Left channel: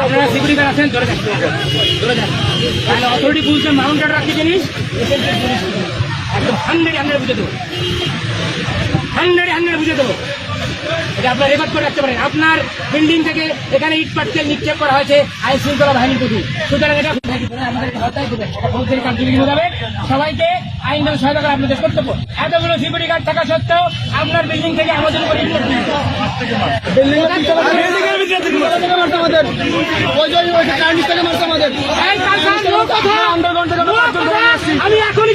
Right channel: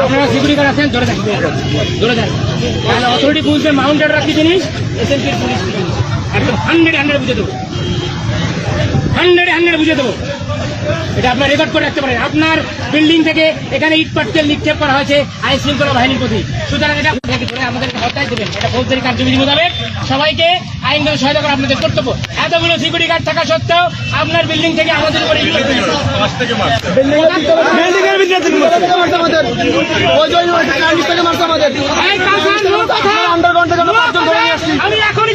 আপনারা security guard আছেন জিনিস পুলিশ একদম হান্ড্রেড হান্ড্রেড বুঝে দেবো হান্ড্রেড হান্ড্রেড বুঝে দেবো এটা আপনার রেকর্ড করে রাখতে পারেন। আপনার বিল্ডিং থেকে এখানে ইট পাটকেল নিক্ষেপ করা হয়েছে আইন শৃঙ্খলা বাহিনীর প্রতি। সুতরাং এটা আমাদের হত্যায় দেবেন? এটা ফৌজদারি কার্যবিধি মোতাবেক সবাইকে আইনগত সহায়তা করা আপনাদের কর্তব্য। এতগুলো সিকিউরিটি গার্ড থাকা সত্ত্বেও আপনার বিল্ডিং থেকে আমাদের উপরে আমি এখনই।